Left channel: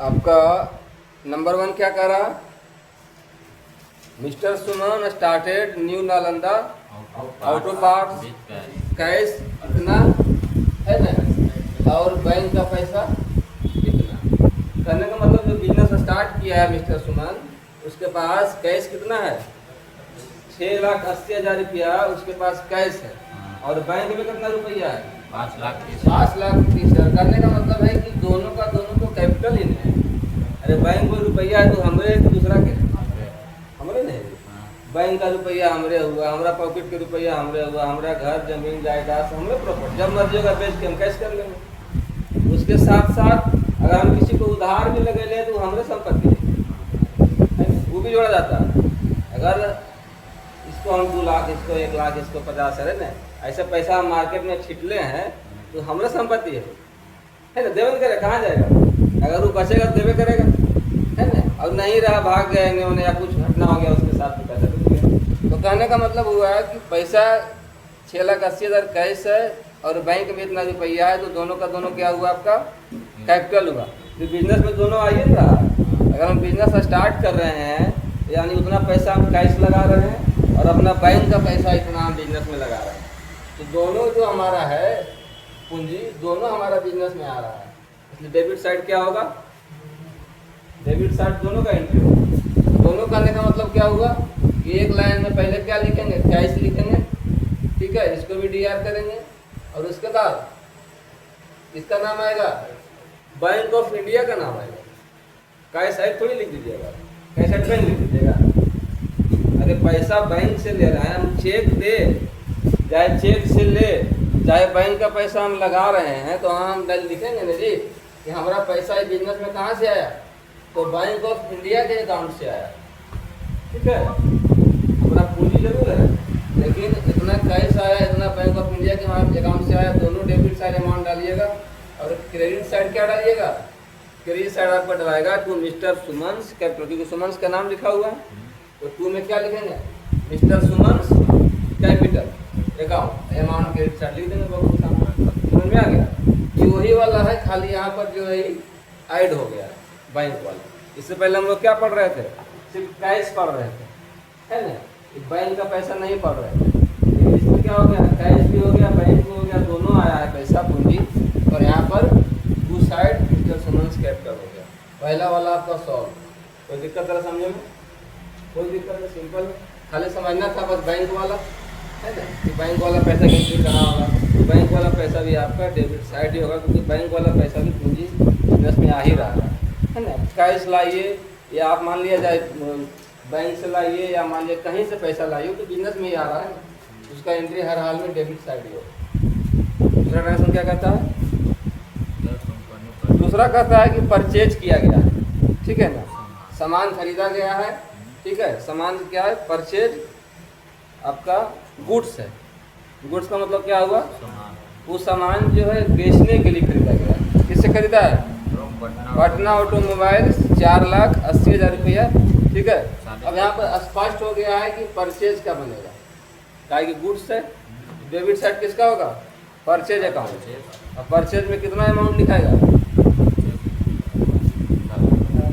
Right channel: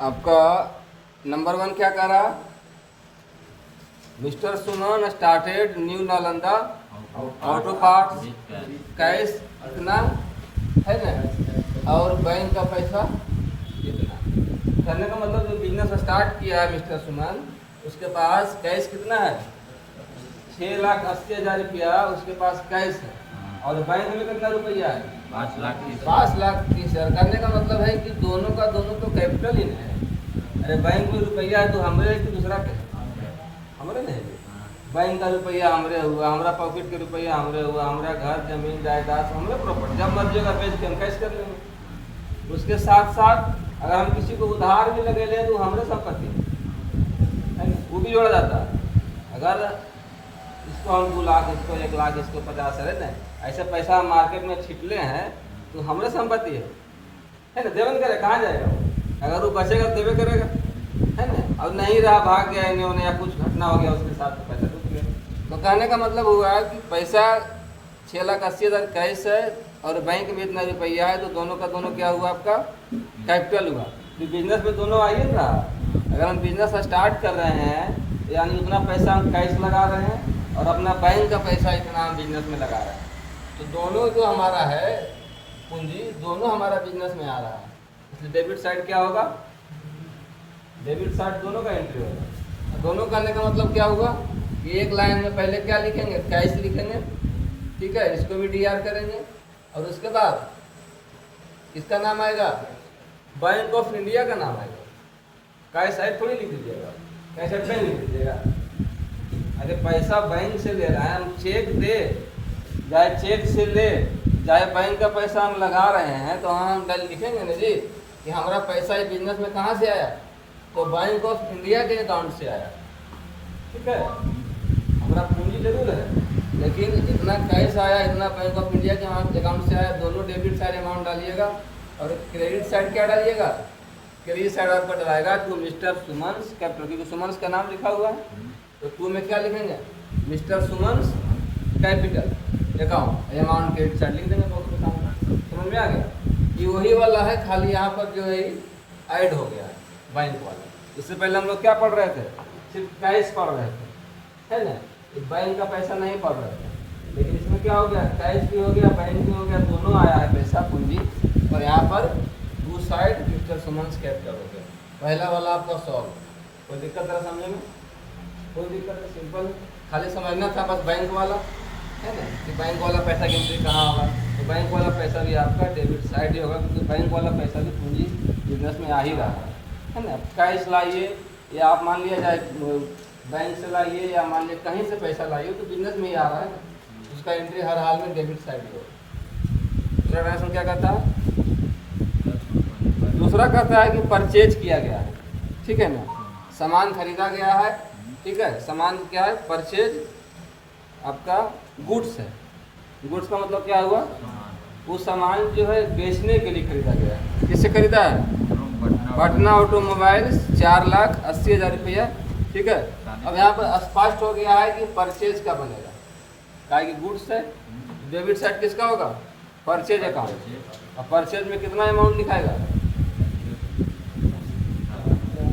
आपका नंबर 1 क्या कह रहा? Mr Suman started new Nalanda auto parts cash इतना है ना, और बैंक का पैसा इतना। कहने का मतलब जो बिजनेस स्टार्ट किया है मिस्टर सुमन, उसके पास कैश कितना है? 6,80,000 रुपया उसके पास कैश है, और बैंक में कितना रुपया है? 5,30,000। करने का मतलब है कि दोनों का दोनों तो कैपिटल ही है। अरे बैंक में रुपया है तो हमरे दूसरा के हमरे नहीं, बैंक का रुपया हमरे हुआ, हमारा पॉकेट के रुपया हमरे हुआ, हमारा घर जमीन जायदाद हमरे प्रॉपर्टी, जब मर्जी का बेच के हम कैश कर लेंगे। उसके साथ साथ अगर हम किसी को उधार भी लगे ले तो हमरे संपत्ति है, वो भी जोड़ा जाता है। अगर इसको हम 2 लाख, इसको 1 लाख, इसको 50 है ना, ऐसे पैसा हम मार्केट में छिटले हैं तो हमारे संपत्ति है ना, देवन करे कहाँ जाएगा? अगर वो बचेगा तो देवे करेगा, है ना। अब नहीं रहा, भाग गया इन्होंने या कुछ घटना हो गया उसके साथ तो पैसा डूब गया। तो कहने का मतलब हुआ है कि पैसा 6,80,000 कैश है और बैंक में इतना रुपया है, तो दोनों का दोनों क्या हुआ? आपका कैपिटल हुआ। तो बिजनेस में दोनों आइए ना, अगर हम बिजनेस स्टार्ट कर रहे हैं यानी उतना पैसा हम कैश लगा रहे हैं और अपना बैंक का पैसा इतना हम बिजनेस में लगा रहे हैं, तो दोनों जो हमारा है पूंजी, दोनों हमारा बिजनेस में आ रहा है। इसलिए डेबिट साइड क्या होगा? डेबिट साइड दोनों का एंट्री होगा। दोनों करने का मतलब क्या हुआ कि एक लाइन में पहले क्या लिखेंगे? कैश लिखेंगे, ठीक है, इसको भी डीआर करेंगे, और उसके बाद इसका नाम आएगा बैंक ऑफ इंडिया का नाम आएगा। कैश साइड थोड़ी लिख दीजिएगा, कैश साइड बैंक लिख दीजिएगा। अरे पैसा बैंक से ले रहे हैं हम, चेक दे चाहे चेक से ले चाहे बैंक का पैसा हम लगा रहे हैं, तो हम लिखेंगे ना जी कि हमारा पैसा इस बिजनेस में कहाँ से आया? तो बैंक ऑफ इंडिया के अकाउंट से आया, ठीक है। हमारा पूंजी जरूर है, लेकिन इतना कैश आया, इतना बैंक ऑफ इंडिया के अकाउंट से आया। दोनों डेबिट साइड अमाउंट डालिएगा, और क्रेडिट साइड क्या डालिएगा? क्रेडिट साइड आपका डलाएगा टू मिस्टर सुमन्स कैपिटल, क्योंकि सुमन्स का नाम लिखा हुआ है, तो टू में क्या लिखेंगे? Mr Suman's capital account, amount credit side लिख देंगे। बहुत समझ में आ गया? ये वही वाला है, खाली यहाँ पर जो है ऐड हो गया बैंक वाला। इससे पहले हम लोग क्या पढ़ रहे थे? सिर्फ कैश पढ़ रहे थे, है ना, बैंक का पैसा नहीं पढ़ रहे थे। लेकिन इसमें क्या हो गया? कैश भी हो गया, बैंक भी हो गया, दोनों आया है पैसा पूंजी, और यहाँ पर to side mister Suman's capital हो गया। पहला वाला आपका सॉल्व। कोई दिक्कत है समझने में? कोई दिक्कत है? सिंपल, खाली समझना था बस बैंक वाला, है ना, कि बैंक वाला पैसा की एंट्री कहाँ होगा। तो बैंक वाला पैसा भी आपका डेबिट साइड ही होगा, क्योंकि बैंक वाला पैसा भी पूंजी बिजनेस में आ ही रहा है ना। कैश लाइए या आप मान लिया जाए बैंक से लाइए या मान लिया कहीं से पैसा लाइए, तो बिजनेस में ही आ रहा है, उसका एंट्री हर हाल में डेबिट साइड ही होगा। दूसरा डायरेक्शन क्या कहता है? दूसरा कहता है कि परचेज किया गया है, ठीक है ना, सामान खरीदा गया है, ठीक है। सामान क्या है? परचेज आपका गुड्स है। गुड्स का मतलब क्या हुआ? वो सामान जो है बेचने के लिए खरीदा गया है। किससे खरीदा है? पटना ऑटोमोबाइल्स, 4,80,000 रुपया, ठीक है। अब यहाँ पर स्पष्ट हो गया है कि परचेज का बनेगा, क्या कि गुड्स है। डेबिट साइड किसका होगा? Purchase account. और परचेज में कितना अमाउंट लिखाएगा?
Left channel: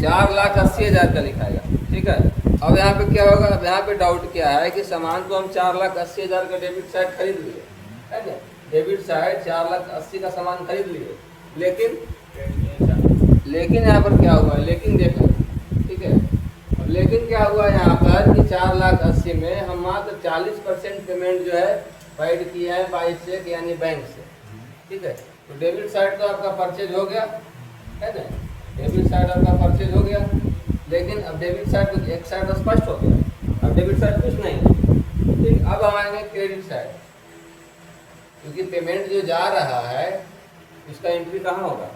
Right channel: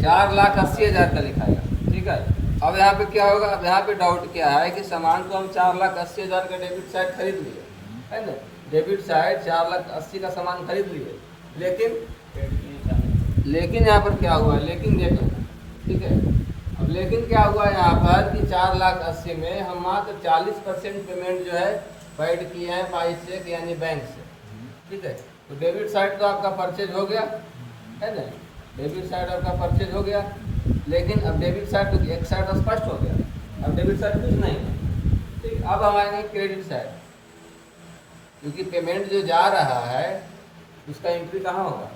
4,80,000 का लिखाएगा, ठीक है। अब यहाँ पे क्या होगा? अब यहाँ पे डाउट क्या है कि सामान को हम 4,80,000 का डेबिट साइड खरीद लिए, है ना, डेबिट साइड 4,80,000 का सामान खरीद लिए, लेकिन यहाँ पर क्या हुआ? लेकिन देखो, ठीक है। अब लेकिन क्या हुआ यहाँ पर कि 4,80,000 में हम मात्र 40% पेमेंट जो है पेड किए हैं बाई चेक यानी बैंक से, ठीक है। तो डेबिट साइड तो आपका परचेज हो गया, है ना, डेबिट साइड आपका परचेज हो गया। लेकिन अब डेबिट साइड तो एक साइड स्पष्ट हो गया, अब डेबिट साइड कुछ नहीं, ठीक। अब हम आएंगे क्रेडिट साइड, क्योंकि पेमेंट जो जा रहा है उसका एंट्री कहाँ होगा?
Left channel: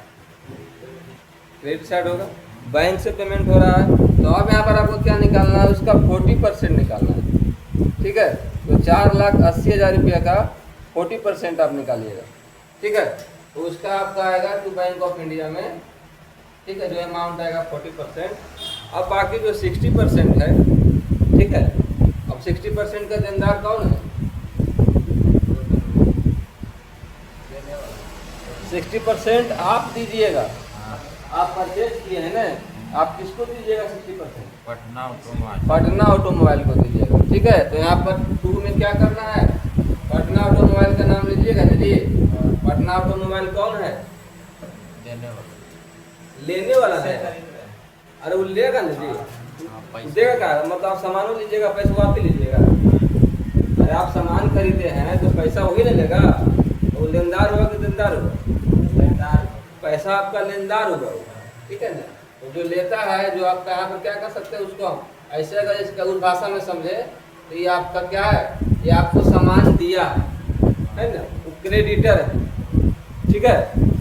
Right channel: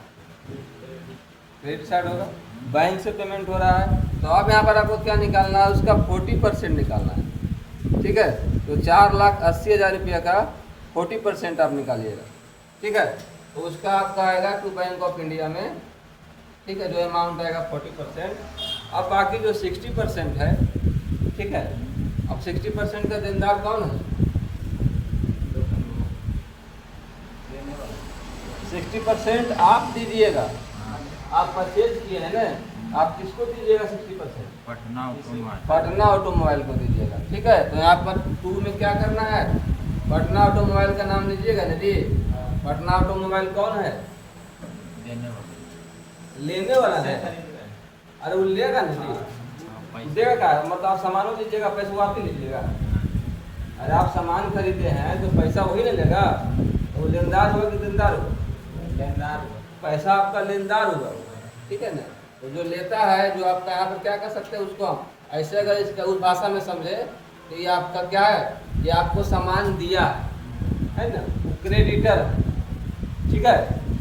क्रेडिट साइड होगा। बैंक से पेमेंट हो रहा है, तो अब यहाँ पर आपको क्या निकालना है? उसका 40% निकालना है, ठीक है। तो 4,80,000 रुपया का 40% आप निकालिएगा, ठीक है। तो उसका आपका आएगा टू बैंक ऑफ इंडिया में, ठीक है, जो अमाउंट आएगा 40%। अब बाकी जो 60% है, ठीक है, अब 60% का देनदार कौन है? 60% आप दीजिएगा, आप परचेज किए हैं ना, आप किसको दीजिएगा 60%? पटना ऑटोमोबाइल को दीजिएगा। ठीक है, तो यहाँ पर 2 में क्या करना है, पटना ऑटोमोबाइल का नाम लीजिएगा ना जी। पटना ऑटोमोबाइल कौन है? लेने वाला है। अरे वो लेगा ना जी, देगा क्या? मतलब आप सामान लीजिएगा, पैसा वापस लीजिएगा। अरे आप सामान खरीदते हैं तो पैसा वही नहीं लेगा, तो लेनदार होगा कि देनदार होगा? लेनदार। पैसा आपका लेनदार होगा, ठीक है ना। तो जो लेता है, जो आपका यहाँ पर क्या कर सकते हैं उसको हम ऐसे, अगर इसका उस भाषा में समझे तो ये आपका क्या है, ये आपको सामान दिया है ना, वो क्रेडिटर है। ठीक है,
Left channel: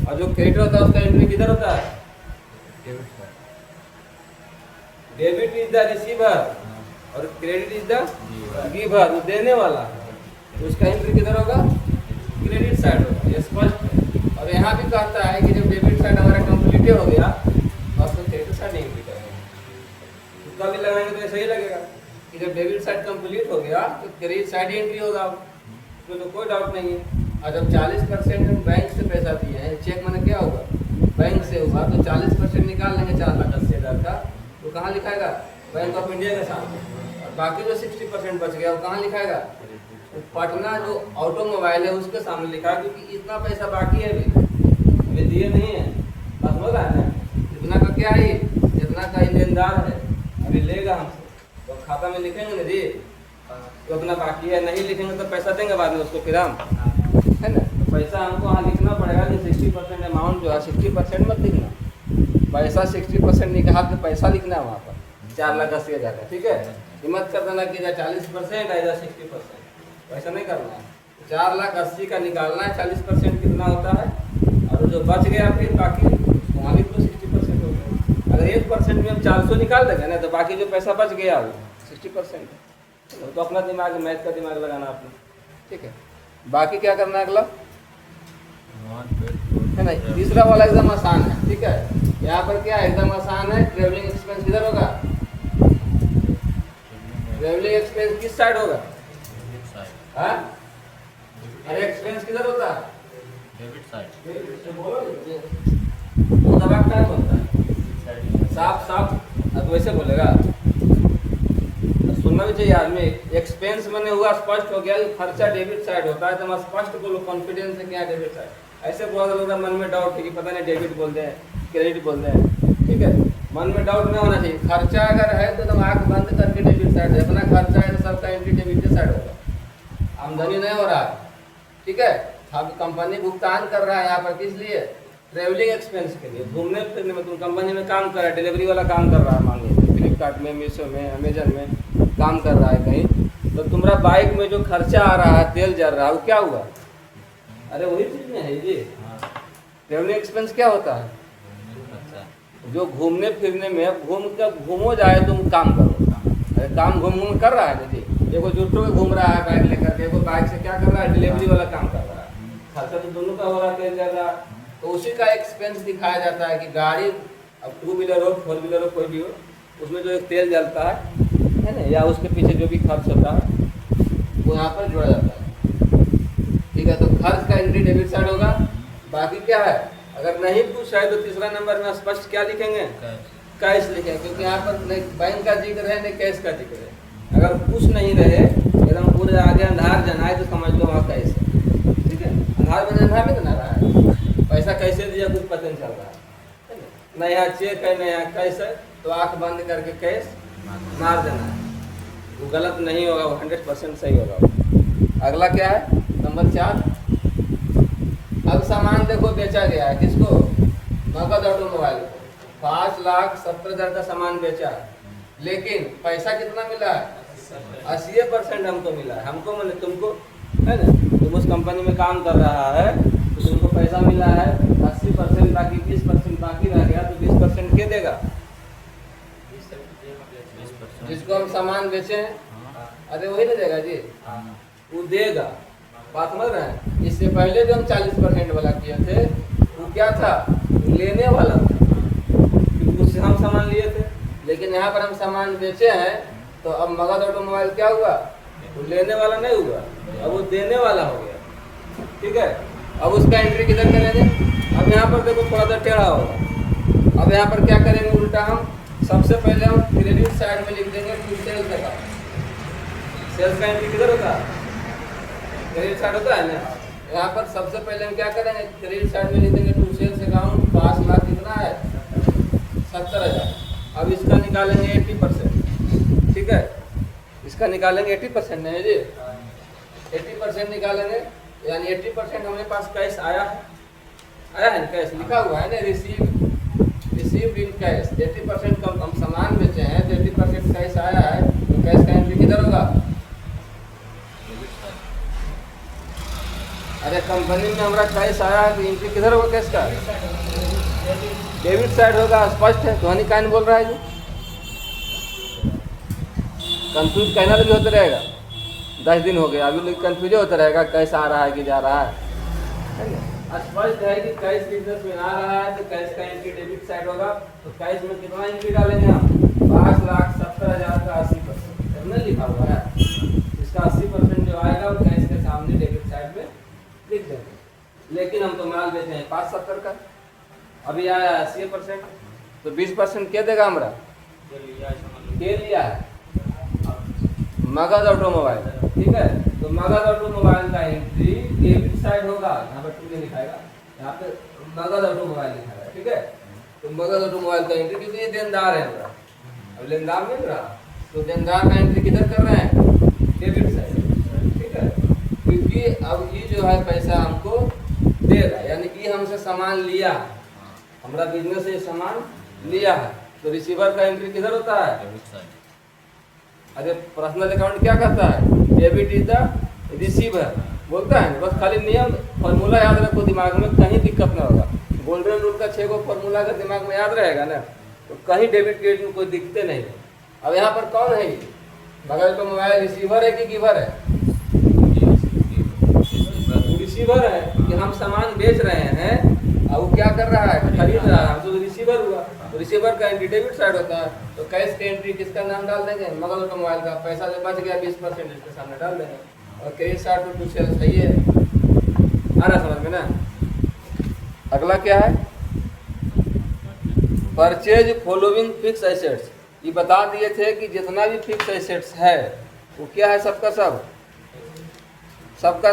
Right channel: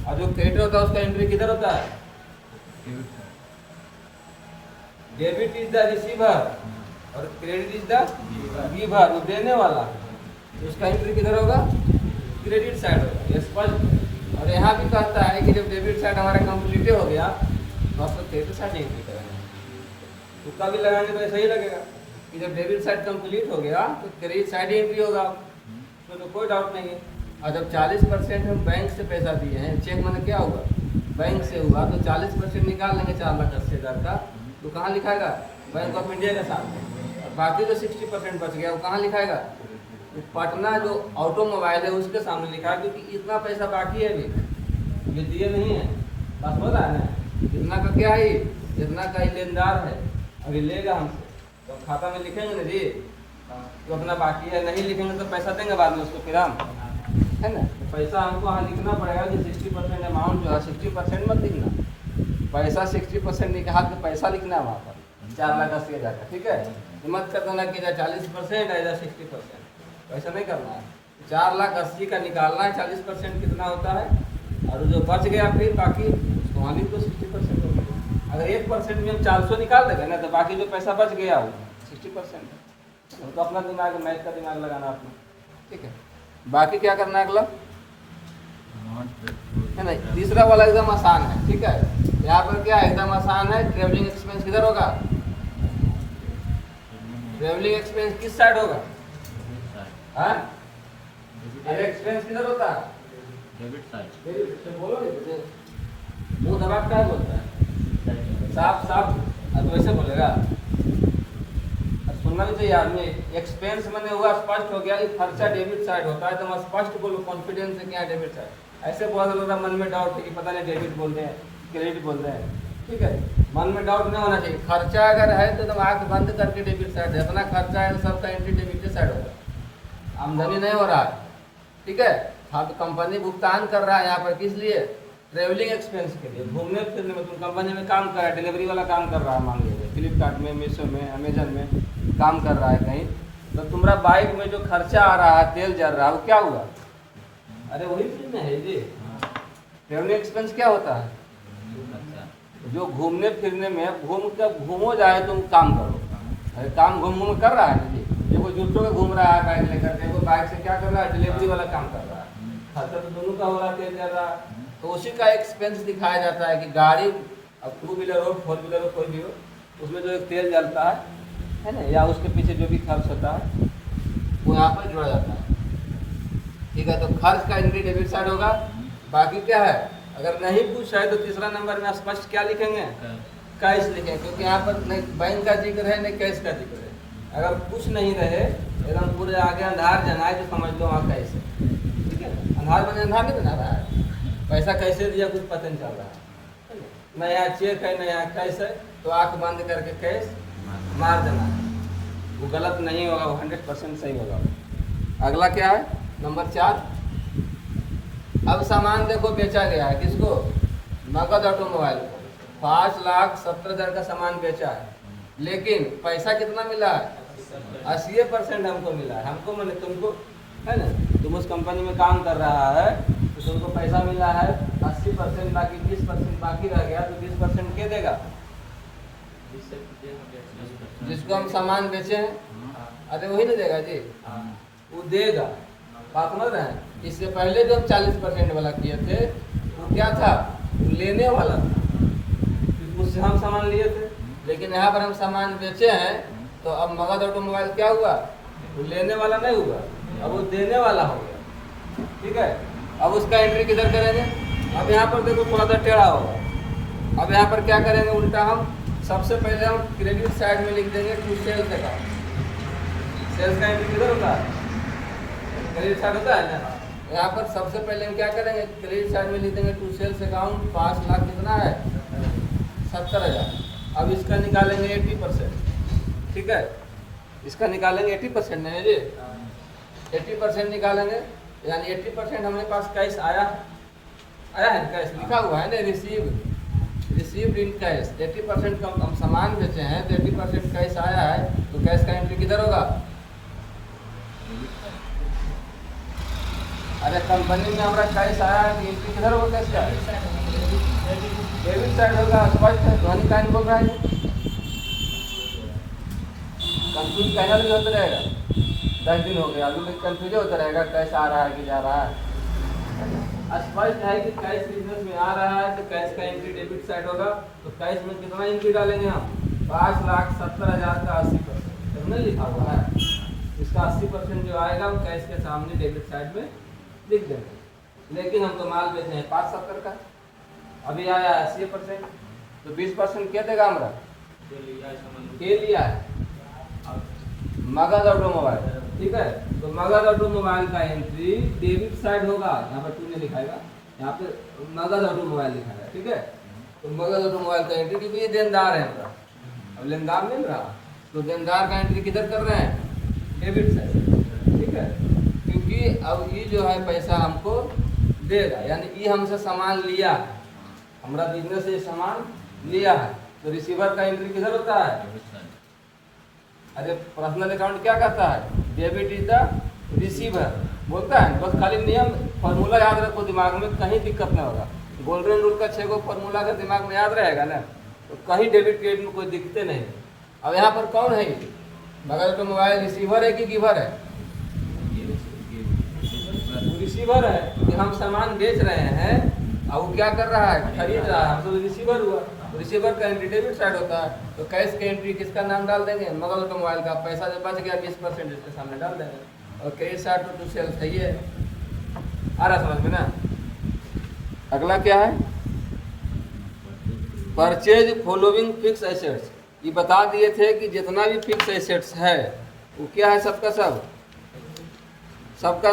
और जो क्रेडिटर होता है उसका एंट्री किधर होता है? डेबिट इज द रिसीवर और क्रेडिट इज द गिवर, वो देने वाला है, तो उसका एंट्री किधर होगा? क्रेडिट साइड होगा, ये स्पष्ट है। और यहाँ भी कहता है कि जब डेबिट साइड हमारा कंप्लीट हो गया तो आप क्रेडिट साइड एंट्री करेंगे। तुक्का भी लगाएंगे तो ऐसा ही लगेगा कि जब डेबिट साइड कंप्लीट हो गया तो क्रेडिट साइड एंट्री होगा, उसमें तो कोई डाउट नहीं है। और जब 40% हम बैंक से पैसा दिए हैं, चेक मैंने क्या होगा, बैंक से हुआ, तो 40% निकाल लेंगे 4,80,000 का, तो कहाँ लिखाएगा? बैंक ऑफ इंडिया के सामने। और बाकी जो 60% बच गया वो कहाँ लिखाएगा? तो पटना जो ऑटोमोबाइल है उसके सामने लिखा है, क्योंकि इतना पैसा बाकी है अभी दिए नहीं है। बस हो रहा है इतना का क्या है, इतना का ही लेनदार है, अभी लेगा हमसे, तो खाता में लिखेंगे ना जी, तो अपना बाकी है, नहीं लिखेंगे तो पैसा देंगे बाद में उसको फिर हम, है ना। तो पैसा हमको वहाँ लिखना पड़ेगा कि 60% अमाउंट जो है, 60% मत लिखना, पैसा 60% निकाल के पैसा लिखना है वहाँ पर 4,80,000 का। ठीक है, हिम्मत कर देना कि 40% है या 60%, वैसा नहीं करना है। 4,80,000 का निकालना है, 40% कितना होता है, और जो बच गया फिर बाकी उसको वहाँ लिख लो 60% होगा। अगर 1% में हम 400 निकाल देंगे ना, तो बाकी जो पैसा बच गया वो 60% है। तो अपना दिमाग, मैथ का दिमाग लगाना आपने। ठीक है, बाकी क्या करना है अगला, है ना। तीसरा वाला एकदम आसान है। ठीक है, यहाँ पर क्या एकदम आसान है, ट्रेवलिंग एक्सपेंस किधर होगा? ट्रेवलिंग एक्सपेंस किस साइड होगा? अरे एक्सपेंस किधर होता है? Debit side. वो दबा क्या बोलता है? साफ साफ तो वैसे बोलेगा, सुनना भी चाहिए आदमी। एक्सपेंस मैंने हुआ, स्पष्ट हो गया कि खर्चा डेबिट साइड होता है, तो मैं स्पष्ट बोलो कॉन्फिडेंस से क्या डेबिट साइड। ऐसे बहुत लोगों का मन में डाउट है कि पता नहीं डेबिट बोलते हैं क्रेडिट बोलते हैं। ठीक है, मन में डाउट नहीं होना चाहिए। खर्चा अगर है तो तुम आंख बंद करके डेबिट साइड है, अपना खर्चा है तो सबका एंट्री डेबिट के साइड होगा। आमदनी नहीं हो रहा है, ठीक है, हम कंपनी भुगतान कर रहा है यहाँ पर किस लिए? ट्रेवलिंग एक्सपेंस के लिए, घूमने फिरने में। तुम कंपनी में काम कर रहा है, डिलीवरी वाला काम कर रहा है, मान लीजिए फ्लिपकार्ट में, मीशो में, अमेजन में काम कर रहा है कहीं, तो तुम्हारा बाइक में जो खर्चा आ रहा है, तेल जल रहा है, वो क्या हुआ? अरे वही चीज में है जी। ट्रेवलिंग एक्सपेंस क्या होता है? जो घूमने फिरने में, घूमो जाए तुम काम करो। अरे काम घूम कर रहा है जी, देखो जुटो के घूम रहा है बाइक लेकर के, तो बाइक से क्या कर रहा है? डिलीवरी वाला काम कर रहा है, खर्चा तो दोनों का हो रहा है, तेल जल रहा है, तो उसी का एक्सपेंस दिखाया जाता है कि गाड़ी, अब 2 व्हीलर हो, 4 व्हीलर हो, कोई भी हो, उसमें जो एक तेल जलता है ना, या उसके पीछे जो भी खर्च होता है वो यहाँ पर जोड़ा जाता है। ठीक है, तो खर्च का एंट्री डेबिट साइड होगा। बाकी क्या है, अगर नहीं पूछ है तो तीसरा नंबर में स्पष्ट क्या लिखेंगे? कैश लिखेंगे, क्योंकि यहाँ पर नहीं बैंक का जिक्र है नहीं कैश का जिक्र है। अगर कुछ नहीं रहे, एकदम पूरे आगे अंधार जनाए तो समझ लो वहाँ कैश है। ठीक है, अंधार में अंधार नहीं बना रहा है, पैसा कैसे दिया कुछ पता नहीं चल रहा है ना, नया चेक है, नया कैश है, तो आंख बंद करके कैश मार देना है, वो गलत नहीं होगा, वो 100% सही होगा। अगला क्या है, नंबर 4। अब सामान देखो बेचा गया है, किसको? नगद ऑटोमोबाइल को 5,70,000 का सामान बेचा है, लेकिन पैसा कितना मिला है? 80% हमको मिला है। हमको मैंने तुमको, है ना, तुम उस कंपनी में काम कर रहा है तो तुमको पैसा मिला है 80%, बाकी 20% बाकी रह गया, तो 20% क्या देगा? जिसको हम सामान बेचे हैं, अरे वही ना देगा जी, वो देगा। बात समझ रहे हैं? इससे पहले जो हम 40% वाला किए थे वो क्या था? लेने वाला था, क्योंकि उससे हम सामान लिए थे, लेकिन यहाँ पर हम सामान बेचे हैं, तो अब मगध ऑटोमोबाइल क्या हुआ? वो लेने वाला नहीं हुआ, अब वो देने वाला हो गया। ठीक है, अब उसका एंट्री किधर करेंगे? अब यहाँ पर देखो थोड़ा सा टेढ़ा होगा, अब यहाँ पर क्या करेंगे उल्टा, हम सबसे पहले हम क्रेडिट साइड में लिख देंगे टू सेल्स अकाउंट। सेल्स का एंट्री किधर होता है? क्रेडिट साइड होता है ना। यहाँ पर सबसे पहले हम क्या करेंगे, क्रेडिट साइड में लिख देंगे टू सेल्स अकाउंट 5 लाख कितना है? 70,000। अब इसका निकालेंगे 80%, ठीक है, इसका निकालेंगे 80% नहीं जी, 80% निकालेंगे, यानी 80% हमारे पास कैश आया है, कैश लिखा हुआ है ना, रिसीव्ड इन कैश। 80% का हम सामान बेचे हैं तो 80% कैश आया है, तो कैश का एंट्री किधर होगा? अरे कंपनी में हमारा कैश आया है तो एंट्री किधर होगा कैश का? डेबिट साइड होगा, स्पष्ट है। ध्वनि काइन बोल रहा है जी, कंफ्यूज कहना भी होता रहेगा। 10 दिन हो गए अभी कंफ्यूज होता रहेगा कैश आ रहा है कि जा रहा है। स्पष्ट है कि कैश बिजनेस में आ रहा है तो कैश का एंट्री डेबिट साइड होगा। तो कैश में कितना एंट्री डालेंगे हम? 5,70,000 का 80%, इसमें लिखा हुआ है। इसका 80% जो आएगा वो कैश के सामने डेबिट साइड में लिख देंगे। लेकिन हम तो माल बेचने हैं 5,70 का, अभी आया 80%, तो 20% क्या देगा हमारा? के लिया मगध ऑटोमोबाइल, ठीक है। तो मगध ऑटोमोबाइल का एंट्री डेबिट साइड होगा, यहाँ पर 2 नहीं लिखाएगा, यहाँ पे मगध ऑटोमोबाइल लिखाएगा, ठीक है। तो मगध ऑटोमोबाइल का एंट्री, क्योंकि ये देनदार है हमारा, अब लेनदार मिल रहा, तो देनदार का एंट्री किधर कर रहे हैं? डेबिट साइड, ठीक है। क्योंकि अब ये जो है पैसा हमको देगा, यानी कि हमसे सामान लिया, हमारा बिजनेस से सामान लिया है, तो रिसीवर का एंट्री किधर होता है? अरे पर्सनल अकाउंट क्या कहता है? डेबिट इज द रिसीवर बोलता है। बस खाली नियम फॉर्मूला याद रखो, दिमाग में कहीं दिक्कत ना होगा। गोल्डन रूल का 6 गो फॉर्मूला अगर दिमाग में याद रहेगा ना, तो कहीं डेबिट क्रेडिट में कोई दिक्कतें नहीं। अब यहाँ पर कौन है? मगध ऑटोमोबाइल रिसीवर है कि गिवर है? रिसीवर है कि हम सामान बेच रहे हैं और वो क्या कर रहा है? खरीद रहा है, हमसे तो रिसीवर हुआ। तो रिसीवर का एंट्री डेबिट साइड होता है, तो कैश की एंट्री किसका नाम डाल देंगे? मगध ऑटोमोबाइल का। पैसा जो बच गया 20% इसके सामने डाल देंगे, और क्रेडिट साइड पर टू सेल्स है। ये आ रहा समझ में ना। अगला क्या है? Purchase following fix assets. ये बता दिए थे कि जितना भी फिक्स एसेट्स है वो क्या है? सबका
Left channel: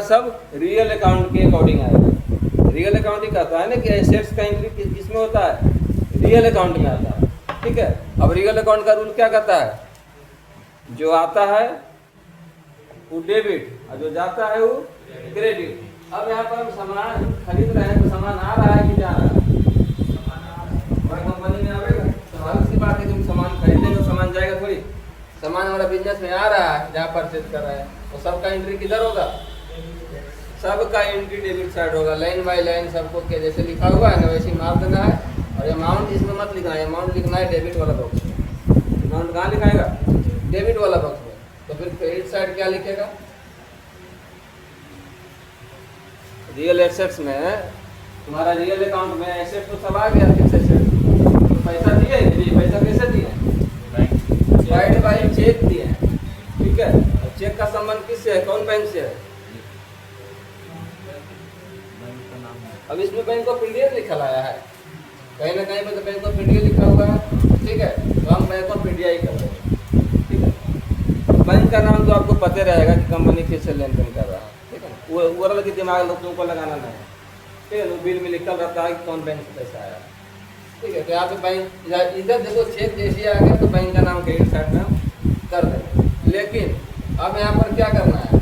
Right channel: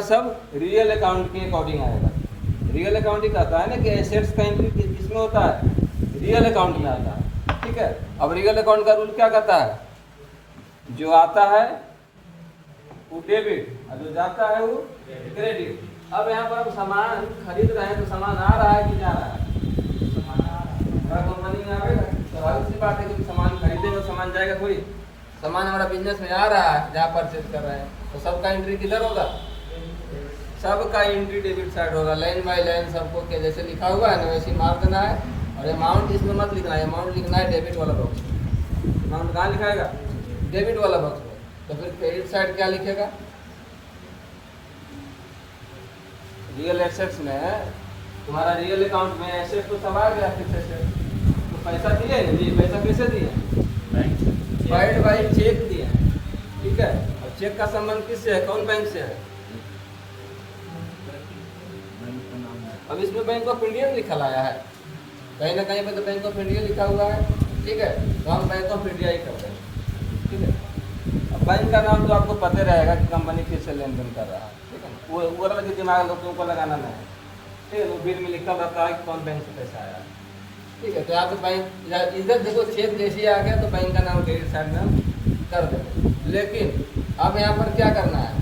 सब रियल अकाउंट के अकॉर्डिंग आएगा। रियल अकाउंटिंग कहता है ना कि एसेट्स का एंट्री किसमें होता है? रियल अकाउंट में आता है, ठीक है। अब रियल अकाउंट का रूल क्या कहता है? जो आता है वो डेबिट और जो जाता है वो क्रेडिट। अब यहाँ पर हम सामान खरीद रहे हैं तो सामान आ रहा है कि जा रहा है? कंपनी में आएगा, स्वाभाविक सी बात है कि सामान खरीदेंगे तो सामान जाएगा थोड़ी। सामान हमारा बिजनेस में आ रहा है जहाँ परचेज कर रहे हैं, तो सबका एंट्री किधर होगा? सबका एंट्री डेबिट साइड होगा। लाइन बाय लाइन सबको के जैसे लिखा हुआ है ना वैसे ही मार देना है। और अमाउंट इसमें मत लिखना है, अमाउंट लिखना है डेबिट वाला बॉक्स में। अमाउंट कहाँ लिखाएगा? डेबिट वाला बॉक्स में। तो फिर क्रेडिट साइड क्या लिखेगा? रियल एसेट्स में तुम्हारा रियल अकाउंट में एसेट तो सब आ गया, फिक्स एसेट। तो पैसा दिए, पैसा कैसे दिए? बैंक बाई चेक दिए, ठीक है। अब चेक का संबंध किससे है? कौन बैंक से है? अब इसमें बैंक ऑफ इंडिया लिखा आया है, कहीं ना कहीं पर तो बैंक ऑफ इंडिया लिखा हुआ है, ठीक है। तो हम बैंक ऑफ इंडिया ही करते हैं, ठीक है। बैंक का नाम तो आपको पता रहेगा कि कंपनी किससे लेन देन कर रहा है, ठीक है। वो वाला कि दिमाग लोगों को लगाना नहीं, ठीक है। तो बिल में लिखा रहता है कि कौन बैंक से पैसा आया, ठीक है। तो यहाँ पे बैंक इधर देखो चेक जैसे आ गया तो बैंक का नाम क्रेडिट साइड में कर दें। लेकिन अब यहाँ पर क्या करना है?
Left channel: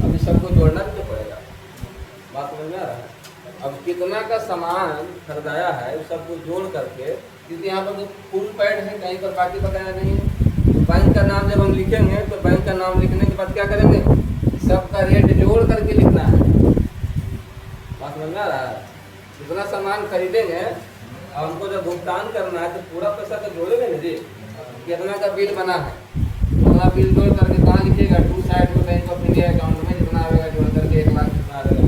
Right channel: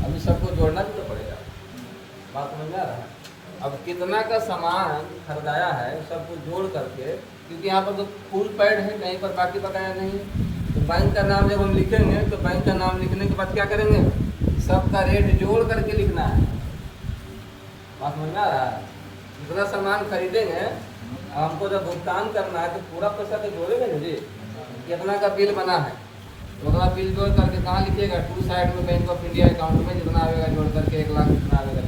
अभी सबको जोड़ना तो पड़ेगा। बात समझ में आ रहा है? अब कितना का सामान खरीदाया है उस सबको जोड़ करके, क्योंकि यहाँ पर तो फुल पैड है, कहीं पर बाकी बकाया नहीं है। तो बैंक का नाम जब हम लिखेंगे तो बैंक का नाम लिखने के बाद क्या करेंगे? सबका रेट जोड़ करके लिखना है। बात समझ में आ रहा है? जितना सामान खरीदेंगे हमको जब भुगतान करना है तो पूरा पैसा तो जोड़ेंगे ना जी। कितना का बिल बना है, पूरा बिल जोड़ करके कहाँ लिखिएगा? टू साइड में बैंक ऑफ इंडिया अकाउंट में जितना आएगा जोड़ करके 1 लाख कितना आएगा,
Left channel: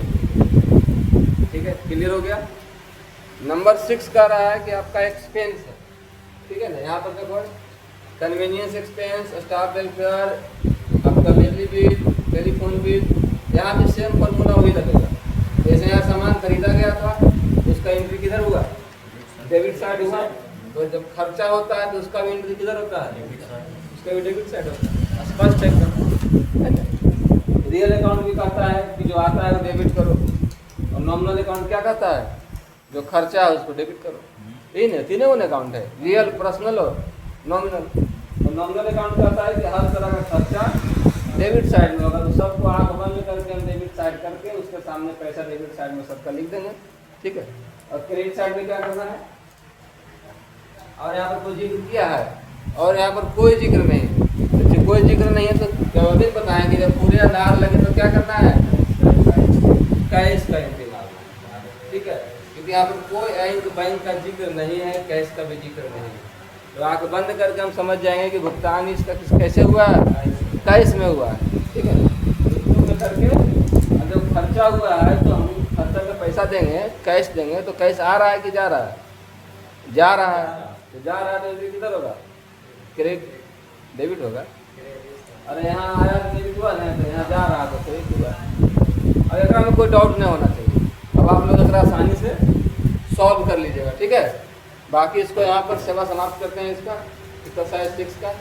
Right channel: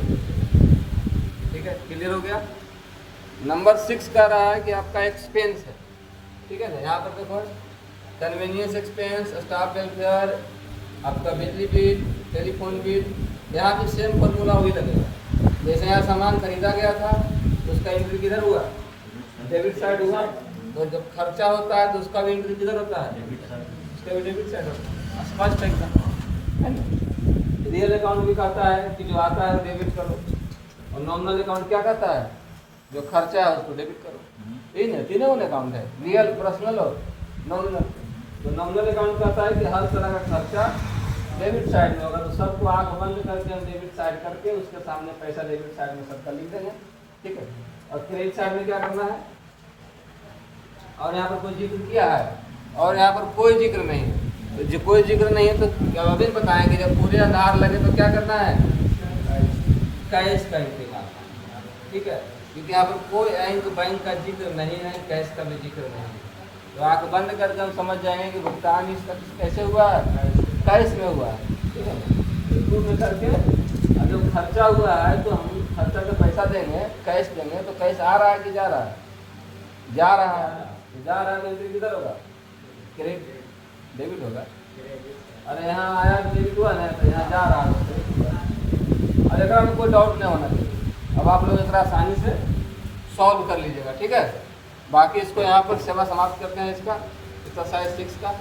ठीक है। क्लियर हो गया? नंबर 6 कह रहा है कि आपका एक्सपेंस है, ठीक है ना। यहाँ पर देखो कन्वीनियंस एक्सपेंस, स्टाफ वेलफेयर, आपका बिजली बिल, टेलीफोन बिल, यहाँ पे सेम फॉर्मूला वही लगेगा। जैसे यहाँ सामान खरीदा गया था तो उसका एंट्री किधर हुआ? डेबिट साइड हुआ। तो जब खर्चा होता है तो उसका भी एंट्री किधर होता है? Debit side. उसका भी डेबिट साइड होता है। स्पष्ट है एकदम, है ना? रियल अकाउंट भी कहता है कि जो आता है वो डेबिट करो, और नॉमिनल अकाउंट क्या कहता है? जो खर्चा है उसको डेबिट करो। तीनों अकाउंट है, रियल, पर्सनल और नॉमिनल। तो नॉमिनल अकाउंट कहता है कि हर तरह का खर्चा डेबिट साइड में होगा, तो सबको आंख बंद करके हम डेबिट साइड करके उसके सामने पैसा डेबिट साइड में सबका लिख देंगे, ठीक है। और क्रेडिट साइड में क्या करना है? और यहाँ पर कोई जिक्र किया है और यहाँ पर कोई जिक्र नहीं है, तो जो कोई जिक्र नहीं है तो अभी बताएंगे जब पूरे आधार लगे तो क्या करना है? कैश का इस्तेमाल, ठीक है, क्योंकि यहाँ पर कोई बैंक का जिक्र नहीं है, कैश का भी जिक्र नहीं है। तो आंख बंद करके हम समझ जाएंगे कि भुगतान इसका कैसे हुआ है? कैश में हुआ है, ठीक है। इसमें करके अब जब खर्चा हुआ है तो हम खर्चा का पैसा देंगे, कैश देंगे, तो कैश आ रहा है कि जा रहा है? जा रहा है। तो जा रहा है तो ये किधर होगा? क्रेडिट, डेबिट होगा। अरे यहाँ आया डेबिट हुआ ना, तो यहाँ जा रहा है तो क्रेडिट हुआ। अब एक में कोई डाउट नहीं होना चाहिए। अब आप लोग इसका आसानी से सॉल्व कर लीजिएगा, ठीक है। बाकी इसको यहाँ पर सेवा समाप्त करते हैं इसका एक्सरसाइज 6 का।